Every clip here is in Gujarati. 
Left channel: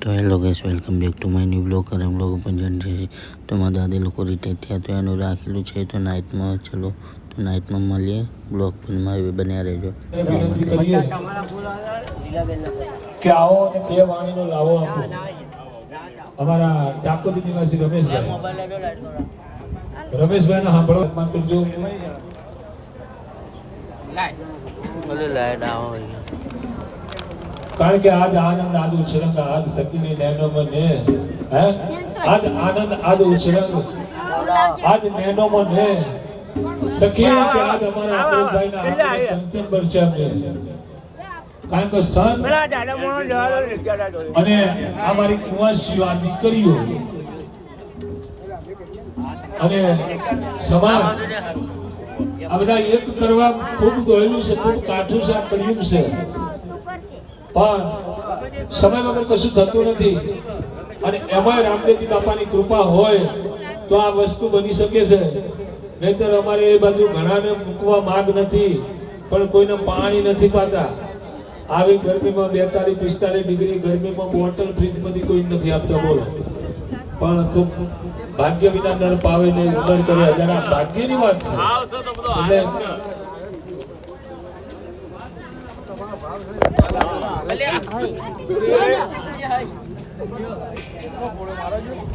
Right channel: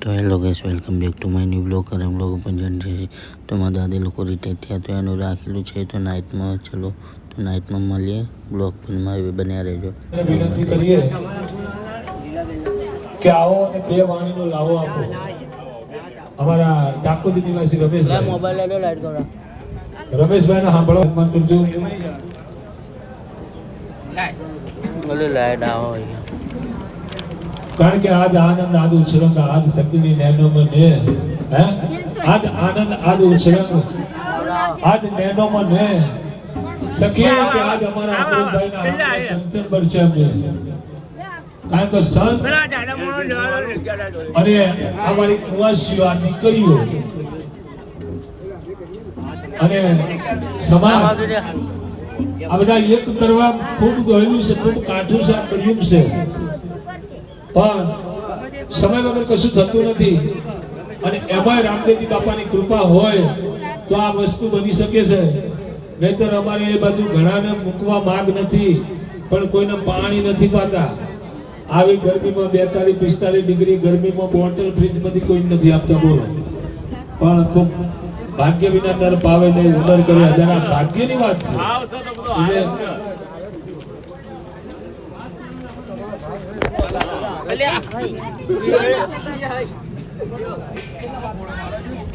તો hello guys, welcome back to my new blog. અને બ્લોગ પણ જાણી છે તો મારા દાદી લોકો રિટાયર થયા તો એનું રાખેલું છે. તો નાઇટમાં ચલો તો નાઇટમાં મળીએ. બ્લોગ પણ બન્યા રહેજો. કે આવો અને બે વાણીનો લાવો આપો. અમારા ટાકુ દીદીના શ્રી રમેશભાઈ ને સાંભળો મત કરજો. લાઈટ આવો અહીંયા, કારણ કે આજ આનંદ આજ ઉછરંગ આજ શક્તિની નૈનોમાં ને હે આજ આનંદ આજ ઉછરંગ આજ નૈનોમાં ને સખીઓ કે આજ અમારા ભાઈના કંચન વર્ષે કારણ કે સંત અને અમારી કુંવાસીઓ આ દીકરીઓ અને સમાજ આ બધા એક કરવા ખૂબ ગહેલું છે, ખૂબ કાઠું છે, આ કળિયુગ છે. પણ સમય વગર કશું થતું નથી. અને એમાંય રામદેવજી બાપાની કૃપા હોય તો આ વસ્તુ બની શકે છે. નહીતર અમારે એ બાજુ ઘણાને મૂકવા માંગ નથી, પણ કોઈને પાણી નથી પાતા. આવી ગરમીમાં 42-45 ડિગ્રી ગરમીમાં બોટલ ફ્રીજમાંથી કોઈ નથી આપતા. બોલો, પણ ખૂબ ભાગ્ય વિના નર પાવે નહીં ઉદર કરે. જરા ભાગ્યની વાત છે.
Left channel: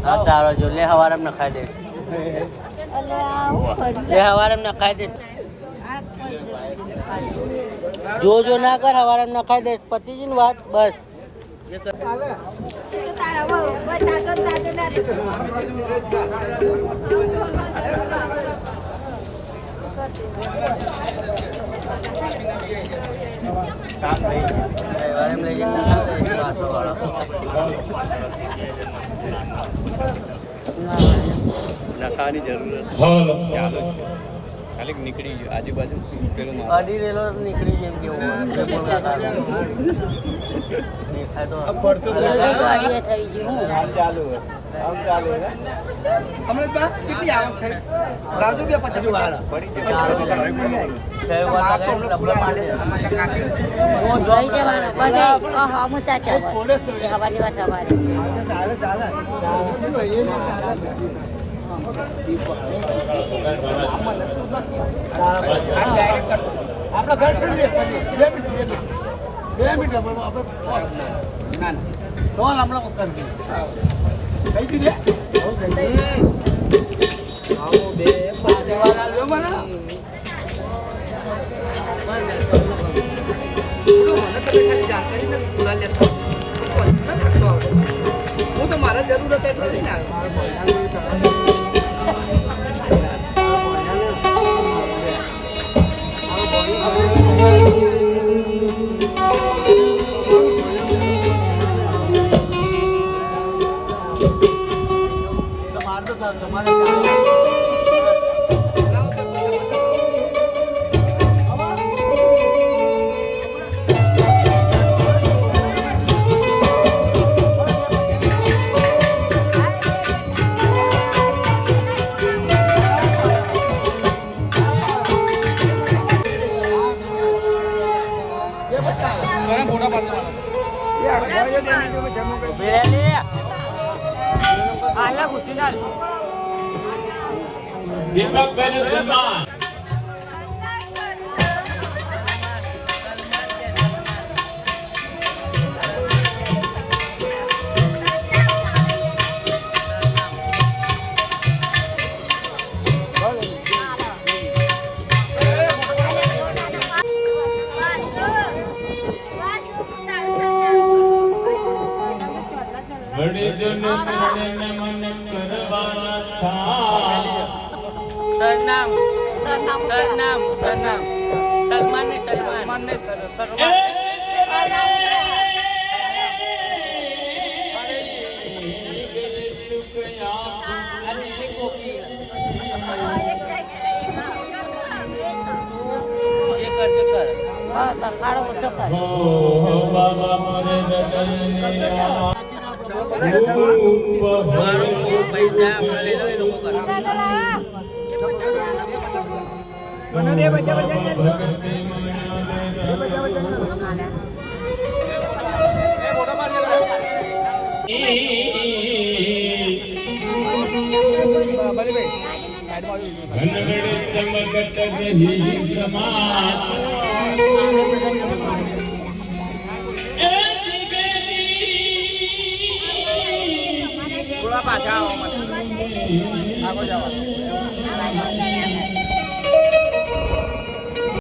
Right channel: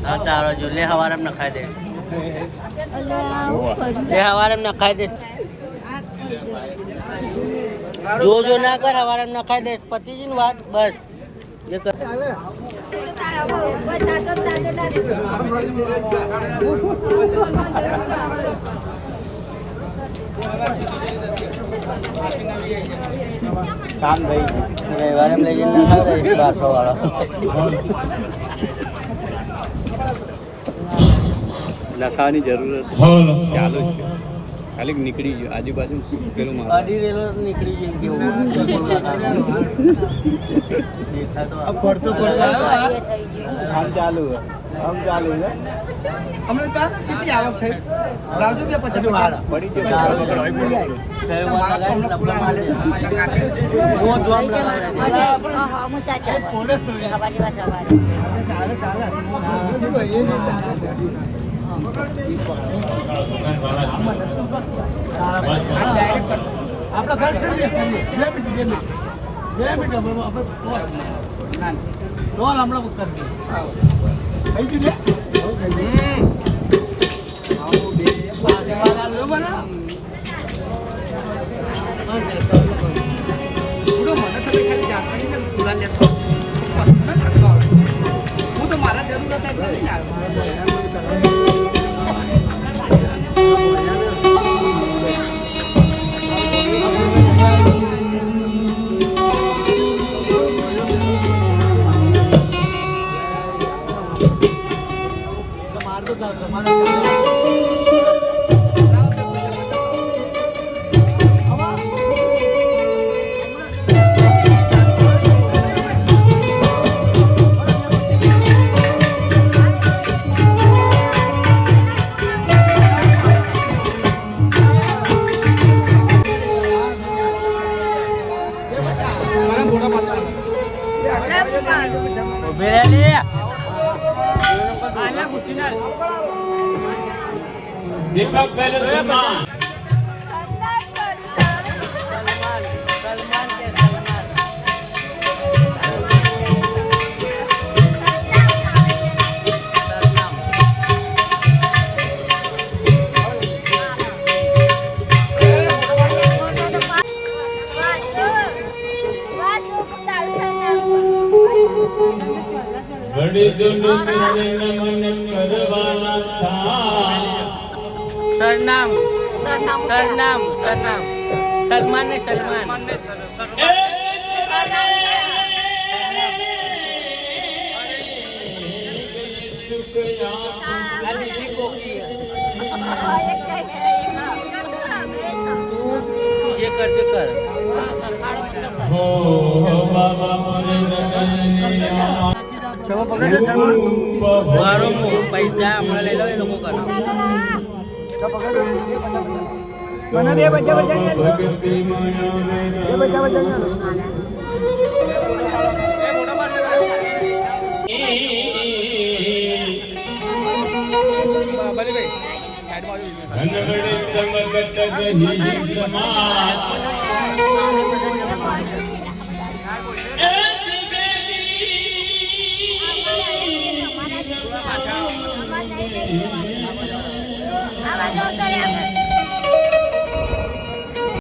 હા ચાલો જો લે હવારે નખાઈ દે, લે હવારે નખાઈ દે. જો ના કર, હવારે નખાઈ દે. પતિજી ની વાત બસ જે કર. કામ થઈ રવિવારે લઈ જઈને ખાવ 1200 વાળો. લખાવાની જરૂર ચાલુ છે, ખાલી નીકળી ગયો આજુબાજુ પેલો અડી રેલો નીકળી ગયો કેવો બિલકુલ લખાતો દેખાય તો પડતો આમ ચાલુ હે, આમ ચાલુ હે. હમણે તો ચીટી આયો છે લાવજો બે 50 વાળા પડી છે. ચાલુ કઈ વાર લગાય ને લબડા માર દે. વો જોમ લગાવે છે. હા મુ ચાચા કોને તો હવાજી વાત હવાજી ચાલે ચાલે એ ન ચાલે. આપણા ઘર કરી 2 મિનિટ આપણે ના ડોલ હમણાં કરી થઈ ગયું ને. આવો બે પાસેવાળા લો બના મને તો ખાલી જાણકારી ને ખુલા લેતો હું તો મારા જરૂર હતા એટલે નહીં દીપક ભાઈ સન્માન બડી દિન મને મન કરવાના થા. સરનામ સલમાન ને સરનામ પૈસા મળે લોકો કરો. મને બે બચ્ચા બચ્ચા ઘનવડે સમગત રહી સમાજ આવા જાવ તો